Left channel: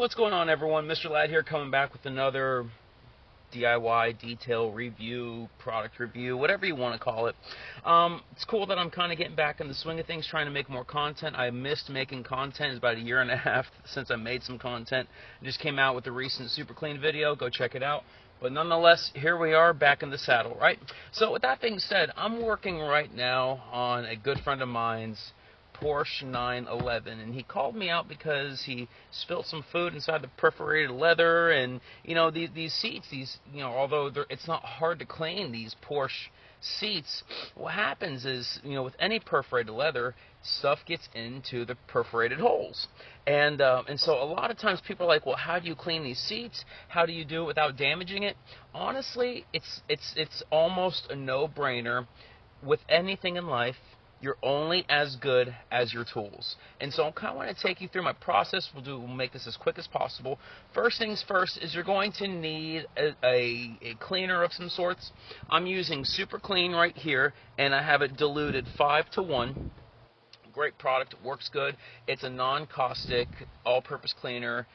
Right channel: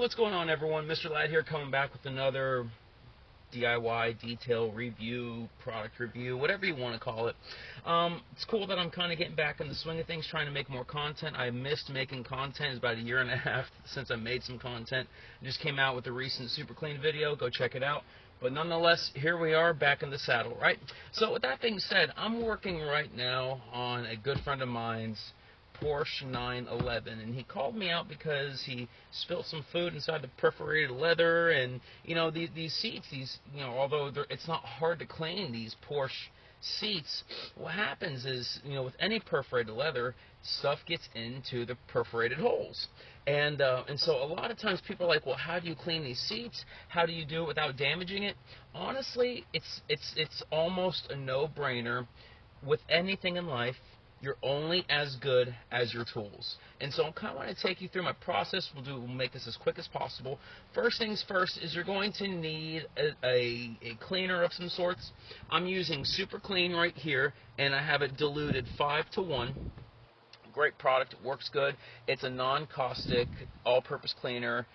what's going on, everyone? Mr. Ladd here, coming back with another DIY detail review, product review, whatever you want to call it. It's cool that I'm kind of getting back in the swing of things, trying to make more content. I missed making content. It's about a year and a half since I made some content. I just came out with the recent super clean video. Go check it out. But nonetheless, here we are back in the saddle, right? So with that being said, I'm working right now on a good friend of mine's Porsche 911, and he called me out because he spilled some food inside the perforated leather. And you know, these seats, although it's not hard to clean these Porsche seats, what happens is, with any perforated leather, stuff gets into the perforated holes. And so a lot of times people are like, well, how do you clean these seats? How do you do it without damaging it? Honestly, it's almost a no-brainer. With anything in life, you're only as good as your tools. And so I'm kind of want to take you through my process. We'll make this as quick as possible. First things first is you're going to need a cleaner of some sorts. I'm using Super Clean right here, and I have it diluted 5-to-1. Great product, it works good. It's a non-caustic, all-purpose cleaner.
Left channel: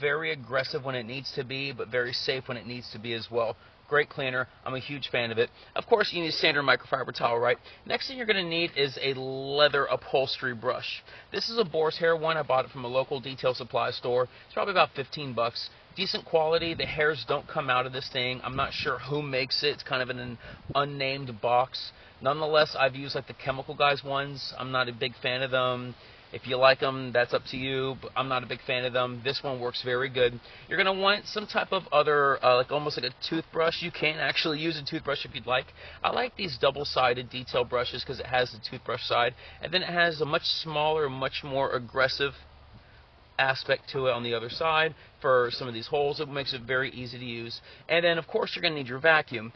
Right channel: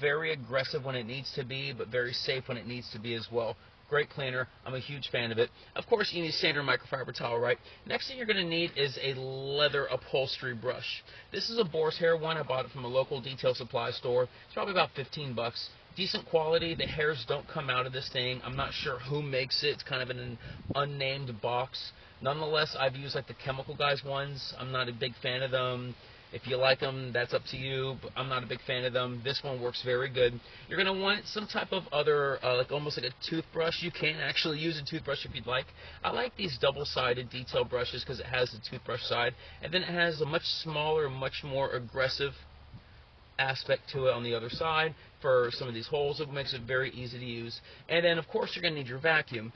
Very aggressive when it needs to be, but very safe when it needs to be as well. Great cleaner. I'm a huge fan of it. Of course, you need a standard microfiber towel, right? Next thing you're going to need is a leather upholstery brush. This is a boar's hair one. I bought it from a local detail supply store. It's probably about 15 bucks. Decent quality. The hairs don't come out of this thing. I'm not sure who makes it. It's kind of in an unnamed box. Nonetheless, I've used like the Chemical Guys ones. I'm not a big fan of them. If you like them, that's up to you, but I'm not a big fan of them. This one works very good. You're going to want some type of other, like almost like a toothbrush. You can actually use a toothbrush if you'd like. I like these double-sided detail brushes because it has the toothbrush side, and then it has a much smaller, much more aggressive aspect to it on the other side for some of these holes. It makes it very easy to use. And then, of course, you're going to need your vacuum.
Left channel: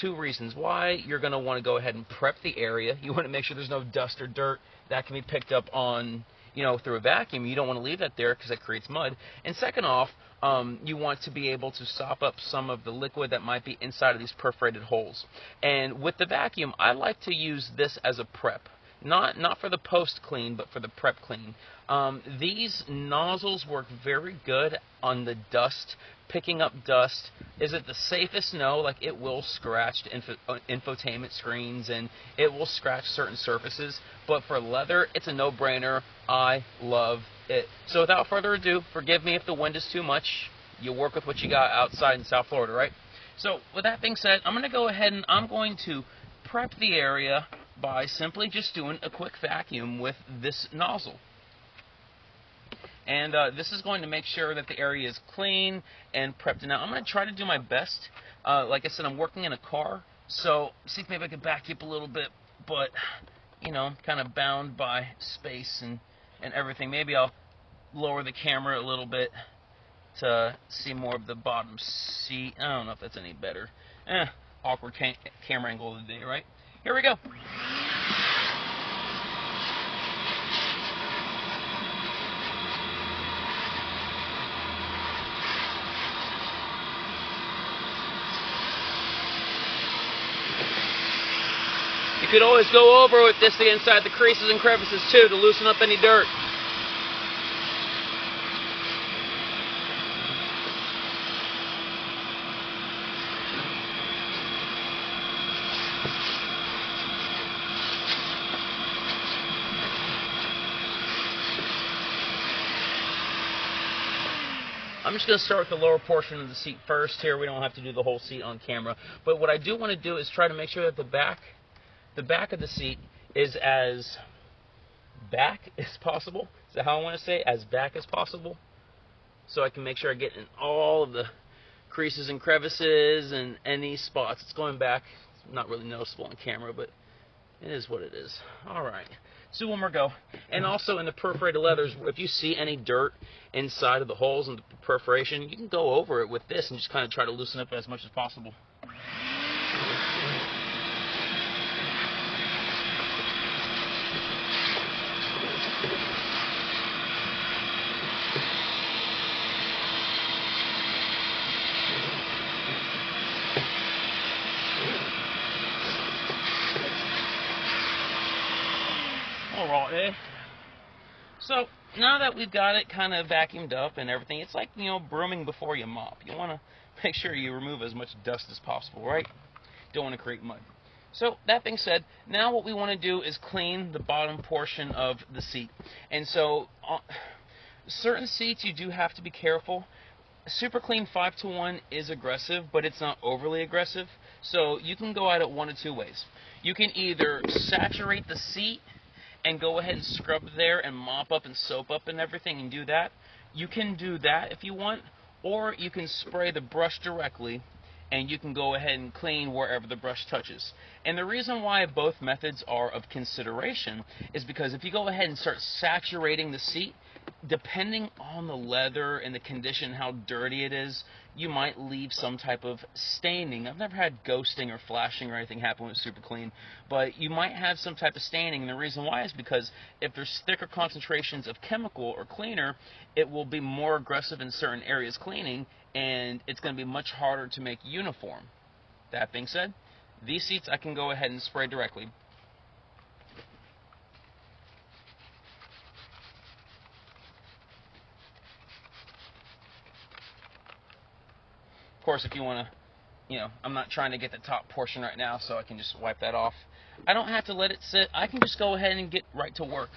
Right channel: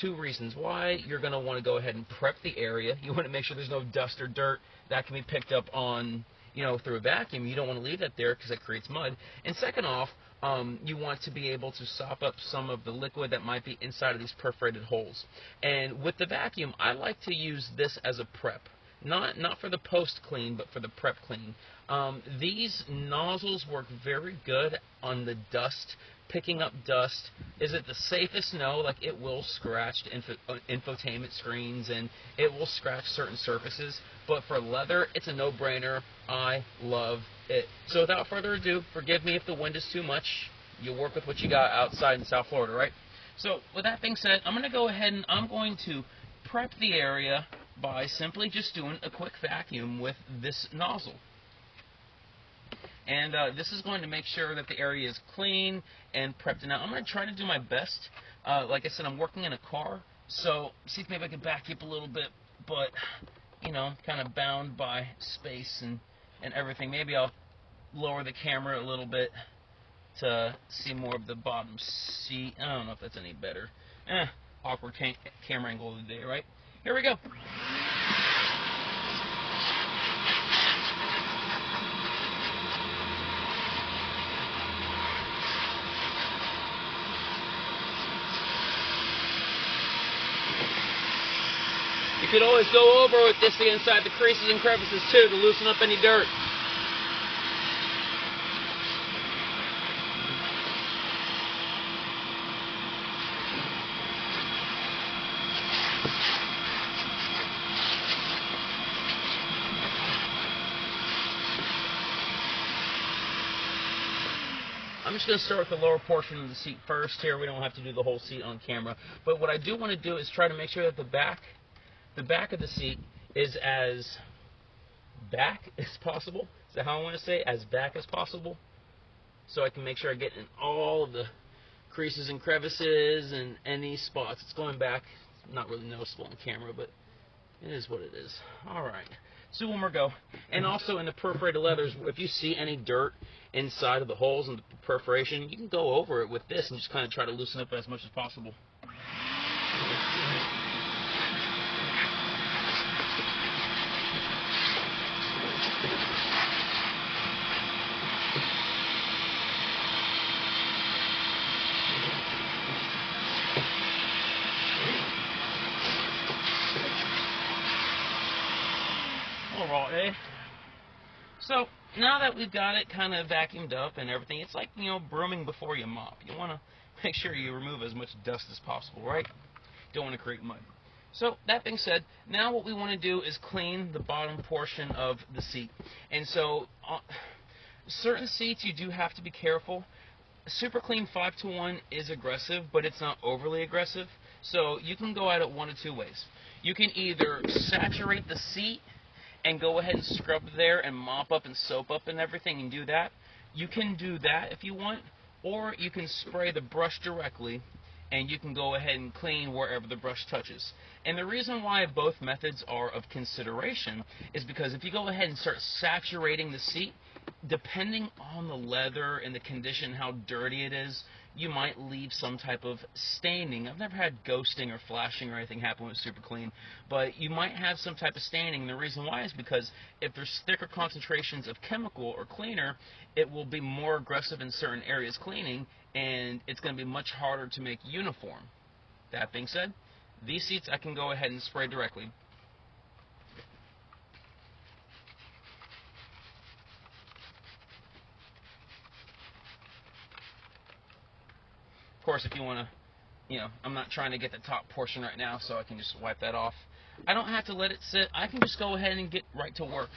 Two reasons why. You're going to want to go ahead and prep the area. You want to make sure there's no dust or dirt that can be picked up on, through a vacuum. You don't want to leave that there because it creates mud. And second off, you want to be able to sop up some of the liquid that might be inside of these perforated holes. And with the vacuum, I like to use this as a prep. Not for the post clean, but for the prep clean. These nozzles work very good on the dust, picking up dust. Is it the safest? No. Like, it will scratch infotainment screens, and it will scratch certain surfaces. But for leather, it's a no-brainer. I love it. So without further ado, forgive me if the wind is too much. You work with what you got outside in South Florida, right? So with that being said, I'm going to go ahead and I'm going to prep the area by simply just doing a quick vacuum with this nozzle. And this is going to make sure that the area is clean and prepped. Now, I'm going to try to do my best. Like I said, I'm working in a car, so see if maybe I can back you up a little bit. But, I'm kind of bound by space and everything. Maybe I'll lower the camera a little bit to see more of the bottom seat. I don't know if that's any better. Awkward camera angle of the day, right? Here we go. You could always go over with this inside the creases and crevices too to loosen up any dirt. I'm just going to start with the lower portion of the seat first here. We don't have to do the whole seat on camera. But what I do want to do is try to make sure that the back of the seat is as back as possible. Is that how I want to say it? As back as possible. So I can make sure I get in all of the creases and crevices and any spots. It's going back. It's not really noticeable on camera, but it is what it is. All right. So one more go. And also in the perforated leathers, if you see any dirt inside of the holes and the perforation, you can go over it with this and just kind of try to loosen up as much as possible. Alright, so now that we've got it kind of vacuumed up and everything, it's like, you know, brooming before you mop. You want to make sure you remove as much dust as possible, right? Don't want to create mud. So that being said, now what we want to do is clean the bottom portion of the seat. And so certain seats you do have to be careful. Super Clean 5-to-1 is aggressive, but it's not overly aggressive. So you can go at it one of two ways. You can either saturate the seat and go ahead and scrub there and mop up and soap up and everything and do that. You can do that if you want, or you can spray the brush directly and you can go ahead and clean wherever the brush touches. And the reason why both methods are of consideration is because if you go ahead and start saturating the seat, depending on the leather and the condition, how dirty it is, you might leave some type of staining. I've never had ghosting or flashing or anything happen with Super Clean, but you might have some type of staining, and the reason why is because if there's thicker concentrations of chemical or cleaner, it will be more aggressive in certain areas cleaning, and it's going to be much harder to make uniform. That being said, these seats I can go ahead and spray directly. Of course, if you want to, you know, I'm not trying to get the top portion right now, so I can just wipe that off. I don't have to let it sit. I can just go ahead and get right to work.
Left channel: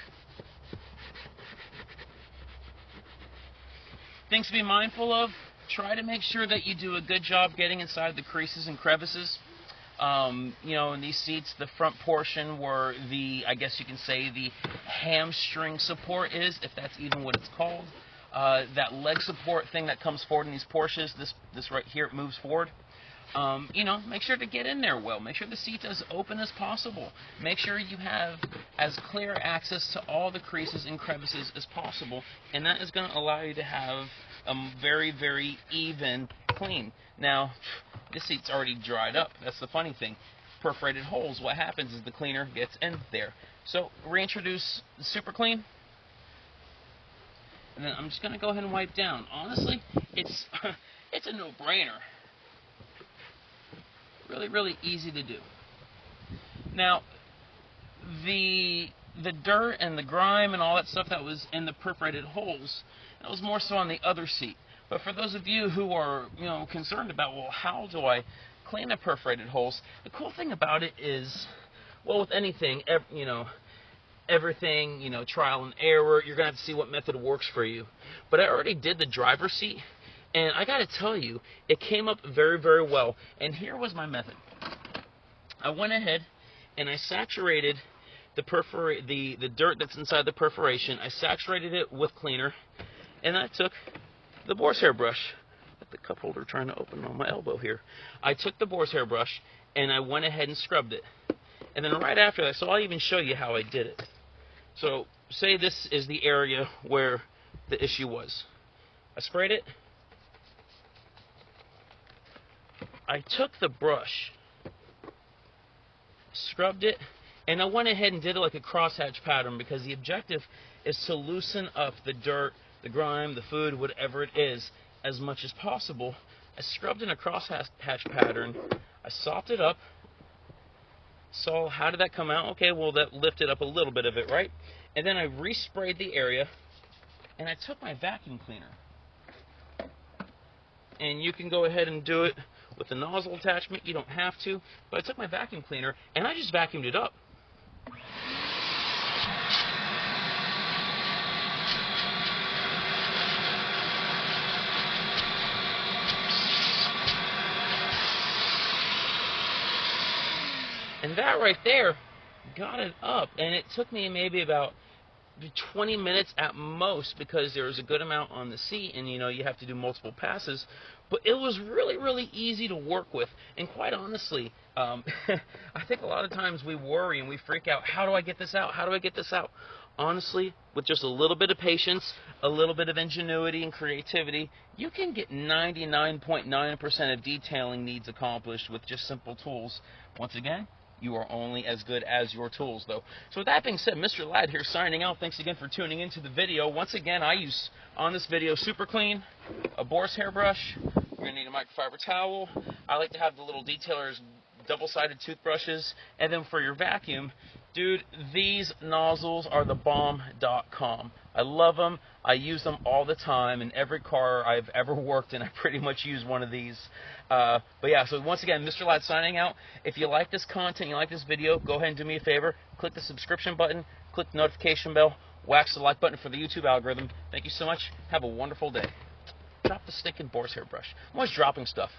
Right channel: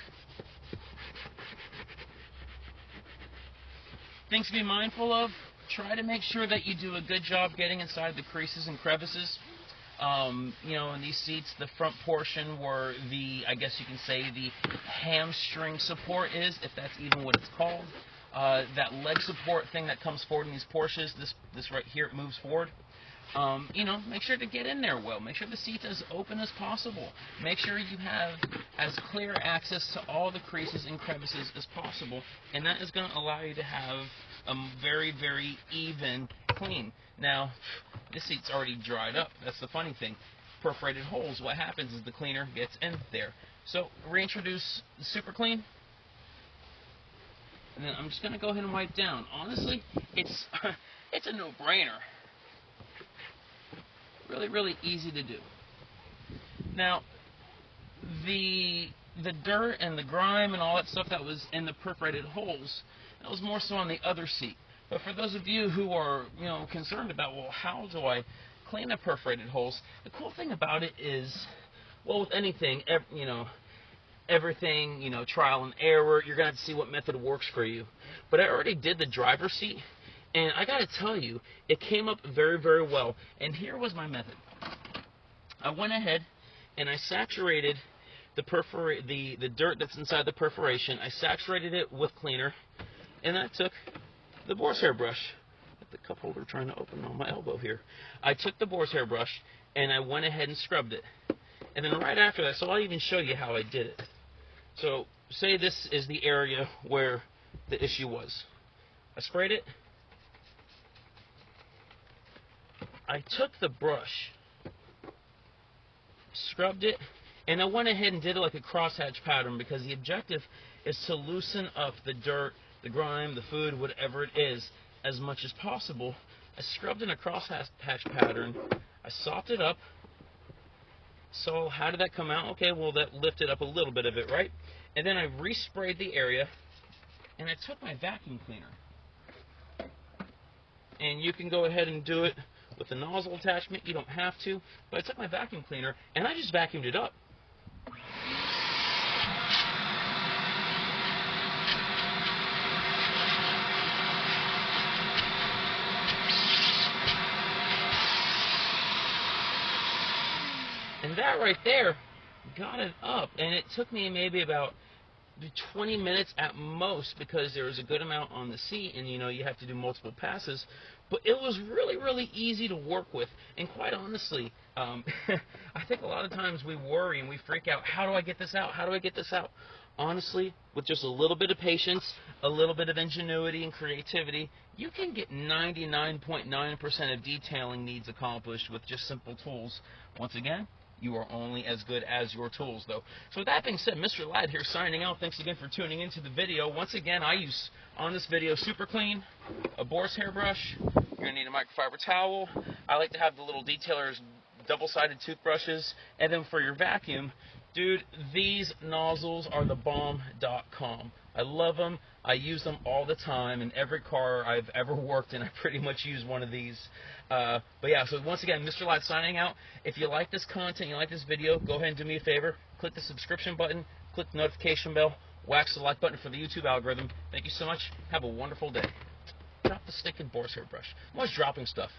Things to be mindful of: try to make sure that you do a good job getting inside the creases and crevices. You know, in these seats, the front portion where the, I guess you can say, the hamstring support is, if that's even what it's called. That leg support thing that comes forward in these Porsches, this right here, it moves forward. You know, make sure to get in there well. Make sure the seat's as open as possible. Make sure you have as clear access to all the creases and crevices as possible, and that is going to allow you to have a very, very even clean. Now, this seat's already dried up. That's the funny thing. Perforated holes, what happens is the cleaner gets in there. So, reintroduce the Super Clean. And then I'm just going to go ahead and wipe down. Honestly, it's a no-brainer. Really, really easy to do. Now, the dirt and the grime and all that stuff that was in the perforated holes, that was more so on the other seat. But for those of you who are, you know, concerned about, well, how do I clean the perforated holes? The cool thing about it is, well, with anything, you know, everything, you know, trial and error, you're going to have to see what method works for you. But I already did the driver's seat, and I got to tell you, it came up very, very well. And here was my method. I went ahead and I saturated the dirt that's inside the perforation. I saturated it with cleaner, and I took the boar's hair brush. The cup holder trying to open on my elbow here. I took the boar's hair brush and I went ahead and scrubbed it. And then right after that, so I'll even show you how I did it. So say this is the area where the issue was. I sprayed it. I took the brush, scrubbed it, and I went ahead and did it like a crosshatch pattern, because the objective is to loosen up the dirt, the grime, the food, whatever it is, as much as possible. I scrubbed in a crosshatch pattern. I sopped it up. So how did that come out? Okay, well, that lifted up a little bit of it, right? And then I resprayed the area, and I took my vacuum cleaner. And you can go ahead and do it with the nozzle attachment. You don't have to. But I took my vacuum cleaner, and I just vacuumed it up. And that right there got it up. And it took me maybe about 20 minutes at most, because there was a good amount on the seat, and you know, you have to do multiple passes. But it was really, really easy to work with. And quite honestly, I think a lot of times we worry and we freak out. How do I get this out? How do I get this out? Honestly, with just a little bit of patience, a little bit of ingenuity and creativity, you can get 99.9% of detailing needs accomplished with just simple tools. Once again, you are only as good as your tools, though. So with that being said, Mr. Ladd here signing out. Thanks again for tuning into the video. Once again, I use, on this video, Super Clean, a boar's hair brush. You're going to need a microfiber towel. I like to have the little detailers, double-sided toothbrushes. And then for your vacuum, dude, these nozzles are the bomb.com. I love them. I use them all the time. In every car I've ever worked in, I pretty much use one of these. But yeah, so once again, Mr. Live signing out. If you like this content, you like this video, go ahead and do me a favor. Click the subscription button, click the notification bell, wax the like button for the YouTube algorithm. Thank you so much. Have a wonderful day. Drop the stinking Boar's hair brush. I'm always dropping stuff.